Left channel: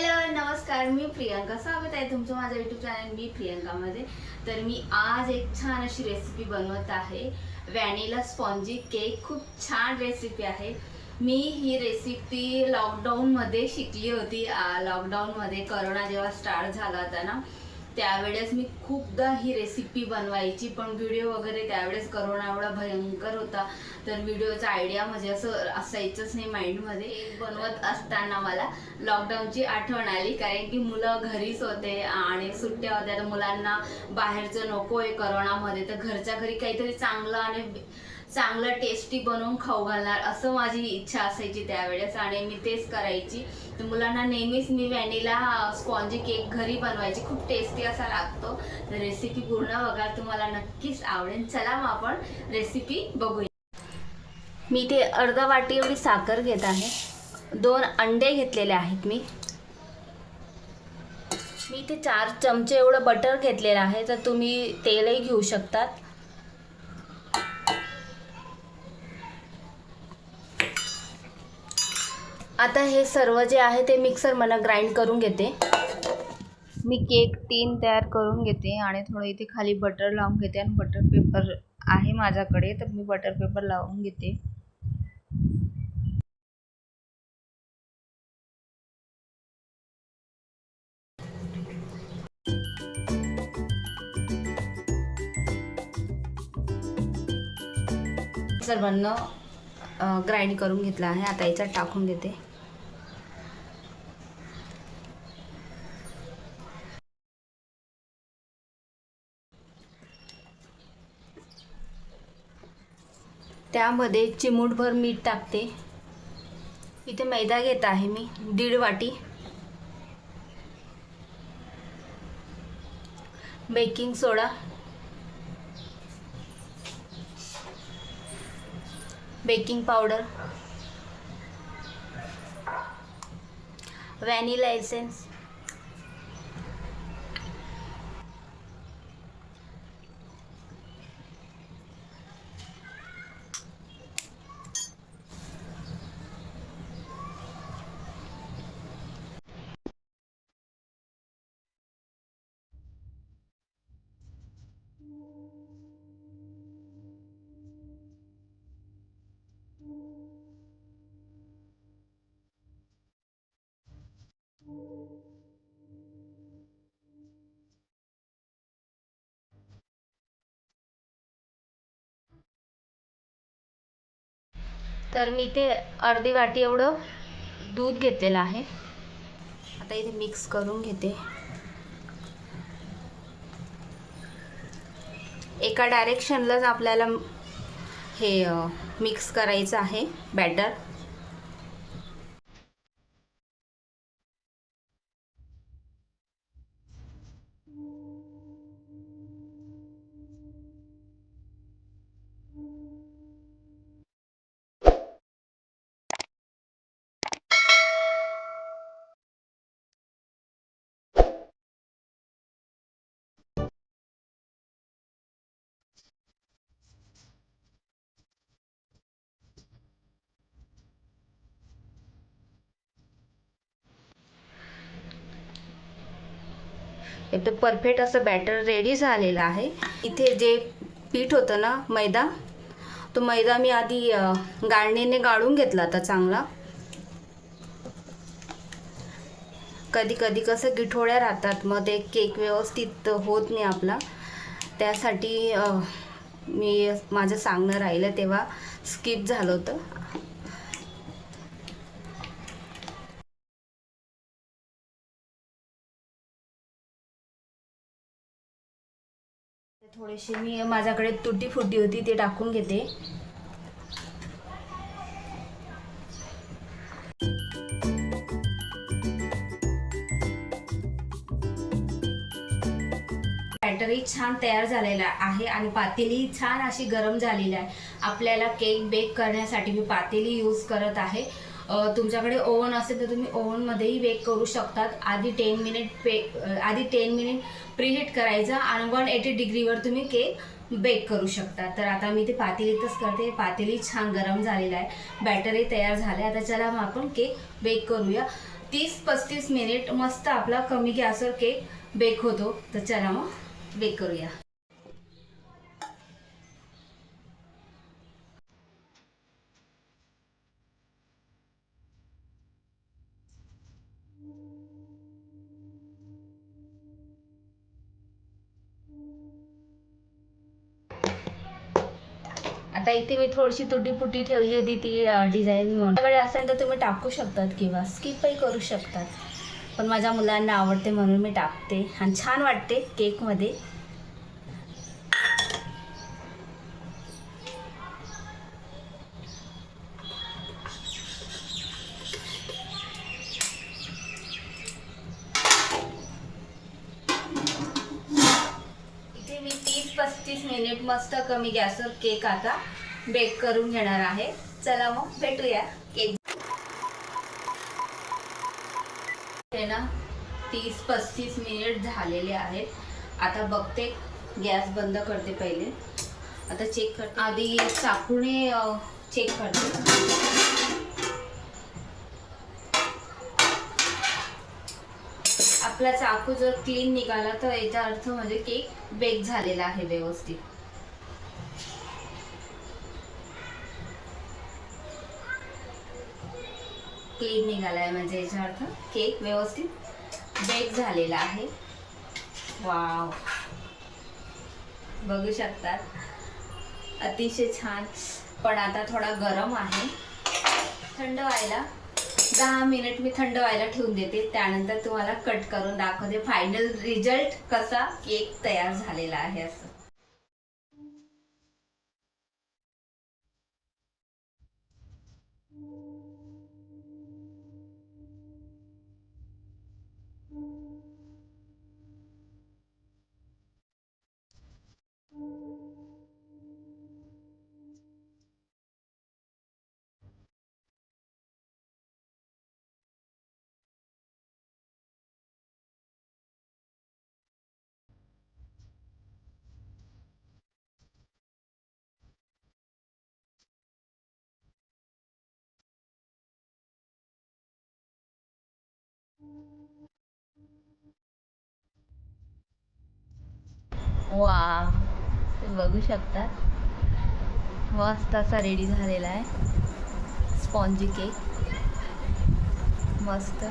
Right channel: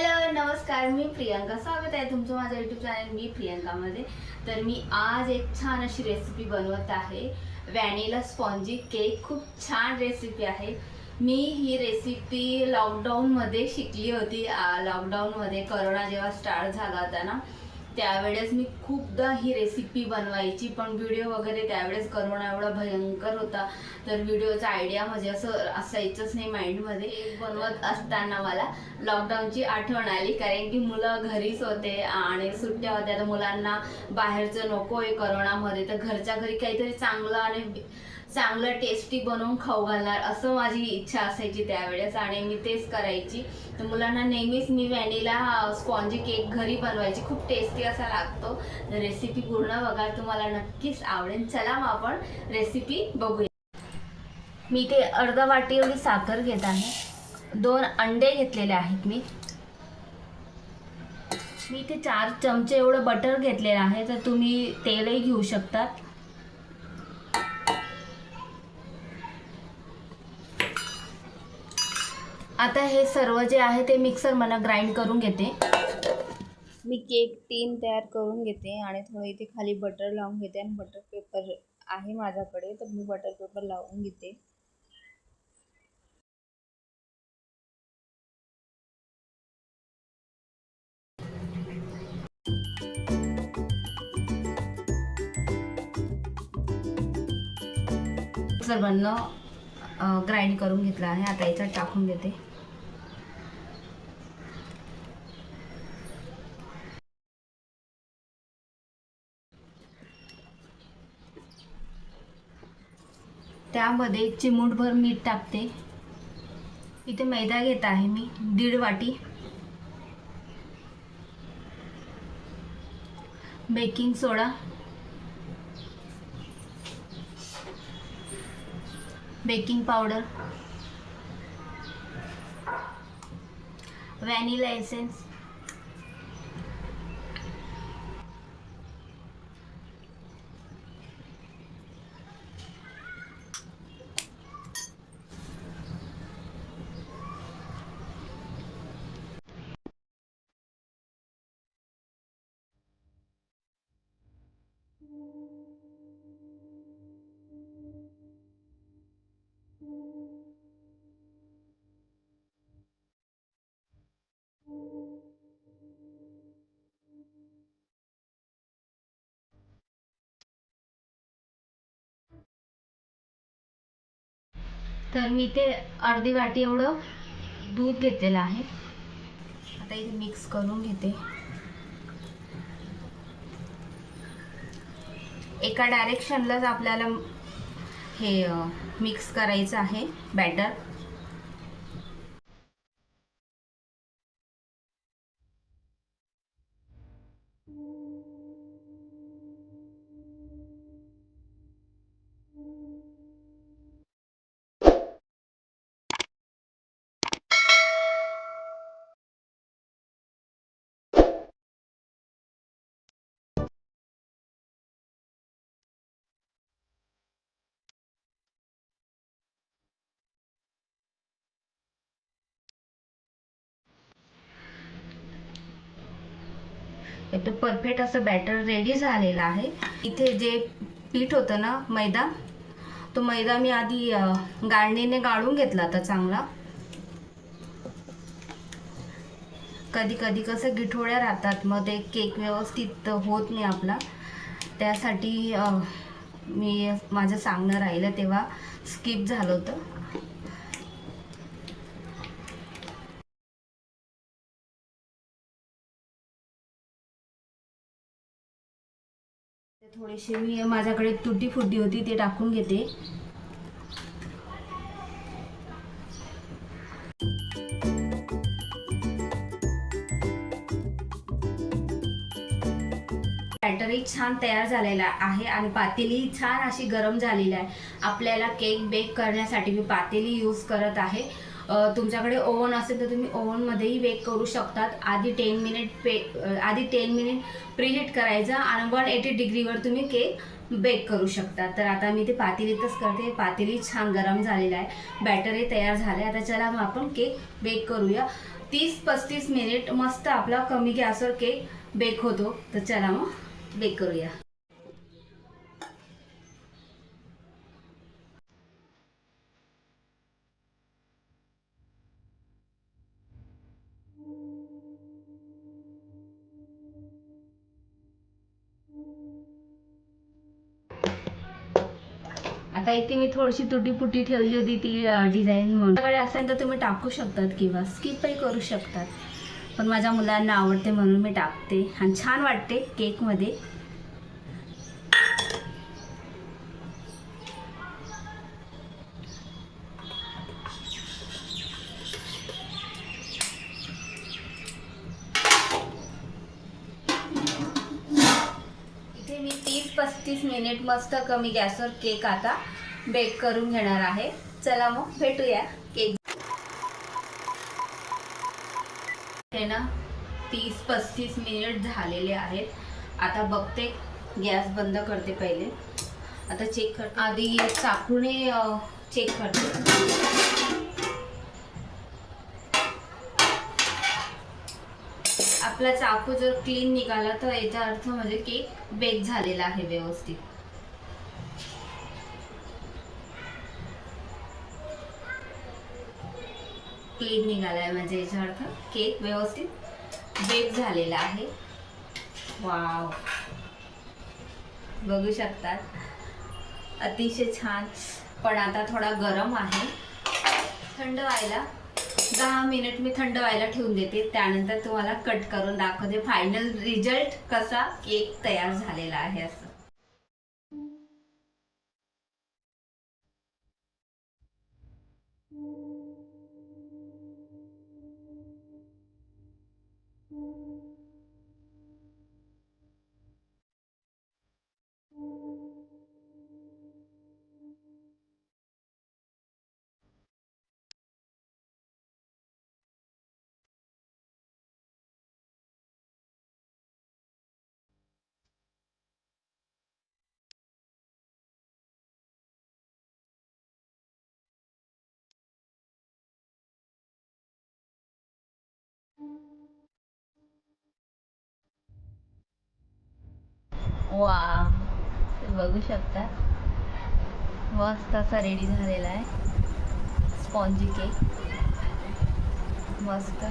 Hello नमस्कार, मी प्रियांका. स्वागत आहे तुमचं माझ्या यूट्यूब चॅनल मी प्रियांकामध्ये. तर मी आज एक छान अशी रेसिपी बनवत आहे, व्हॅनिला स्पॉन्जी केक. खूप छान रेसिपी आहे. मी ही रेसिपी लॉकडाऊनमध्ये शिकली होती. लॉकडाऊनमध्ये करोना जेव्हा स्टार्ट झाला होता ना, त्यावेळेस मी खूपदा ही रेसिपी बनवायची, पण व्हिडिओ वगैरे त्यावेळेस करोना एवढा भयंकर होता, तर व्हिडिओचा आयडिया म्हणजे असं असायचंच नाही माइंडमध्ये. बनवत असताना मला लॉकडाऊनची आठवण आली, कारण की मुलं घरीच होते आणि सुट्ट्या होत्या, तर मुलांना बाहेरचं नको आहे करोनामध्ये, तर घरच्या घरी काहीतरी चांगलं आणि चांगलं टेस्टी बनवून खाऊ घालणार असं माझी इच्छा असायची त्यावेळेस, आणि मी तेच करायची. तर मुलांना नेहमीच मी व्हॅनिला स्पॉन्जी केक घरी बनवायची. खूप टेस्टी असा लागतो. तर रेसिपी पूर्ण बघाल, तुम्हाला नक्कीच आवडेल. चला मग आपण रेसिपी बघूया. मी इथे अर्धा वाटी एवढी साखर घेत आहे. 2 अंडे घेतलेले आहेत. मी इथे 4 चमचे एवढं बटर घेतलेलं आहे, तर तुम्ही तेलही घेऊ शकतात. आता हे सर्व जे आहे ते मिक्सर मला ग्राइंड करून घेते. मी केक टीन तयार करून घेते आणि थोडं इथे खाली बटर लावून घेते, आणि बटर पेपर आहे माझ्याकडे, तर मी बटर पेपर लावून घेते. सर्वांना ग्राइंड करून घेतलं आहे. आता याच्यात टाकून देते. त्यामध्ये चिमूटभर मीठ टाकते. इथे मैदा घेत आहे मी 1.5 वाटी. बेकिंग सोडा, बेकिंग पावडर, व्हॅनिला एसेन्स, तर मी ते अर्धी वाटी एवढं दूध घेतलेलं आहे. आता इथे मिक्स करून घेते. एका डायरेक्शनलाच आपल्याला हे मिक्स करायचं आहे बॅटर. एकदम परफेक्ट असं बॅटर रेडी झालेलं आहे. इथे जे पीठ होतं ना, मैदा, तो मैदा मी आधी गाळणीने गाळून घेतला होता चांगला. कधी कधी कसं गिठोळ्या राहतात, मग ते केक व्यवस्थित होत नाही आपला. त्यासाठी मी माझं सांगणं राहिलं तेव्हा स्किप झालं होतं. थोडीशी मी माझ्याकडे तुटी फुटी होती, ते टाकून घेते. बॅटरही छान तयार झालेला आहे आणि पातेली छान अशी गरम झालेली आहे. आपल्याला केक बेक करण्यासाठी मी पातेली यूज करत आहे. तुमच्याकडे ओव्हन असेल तर तुम्ही ओव्हनमध्येही बेक करू शकतात. आधी 10 मिनिट प्रीहीट करायचं आणि 180 डिग्रीवर तुम्ही केक बेक करू शकता. तर आता मी ते पातेलीतच करते. पातेली छान गरम झालेला आहे, बॅटरही तयार झालं आहे. आता चला मग आपण केक बेक करूया. 30-35 मिनिट मस्त आपला कमी गॅसवर केक बेक होतो. तर चला मग बेक करूया. आता इथे मी थोडीशी तुटी फुटी ठेवली होती ती डिझाईन म्हणून. तुमच्याकडे असेल तर तुम्ही टाकू शकतात किंवा स्किपही करू शकतात, पण माझ्या मुलांना आवडते म्हणून मी टाकते आणि छान वाटते केकमध्ये. इथे मी 30-35 मिनिट मस्त कमी गॅसवर केक आता बेक करून घेणार आहे. चला मग भेटूया. केक हे ना 30-35 मिनिट झालेले आहेत. आता बघते, गॅस बंद करते पहिले. आता चेक करते, आधी चाकूने चेक करते. आपला चाकू जर क्लीन निघाला तर याचा अर्थ म्हणजे केक बेक झालेला आहे व्यवस्थित. क्लीन निघालाय म्हणजे याचा अर्थ केक व्यवस्थित बेक झालेला आहे. वाव, बघू शकतात, अतिशय छान. पण आता थोडा गरम आहे. थंड व्हायला 10 मिनिट मी थंड व्हायला ठेवून देते. त्यानंतर तुम्हाला कट करून दाखवते फायनल रिझल्ट कसा केक तयार झालेला आहे. असं वा, बघू शकता, मस्त असा रेडी झालेला आहे स्पॉन्जी केक. मस्त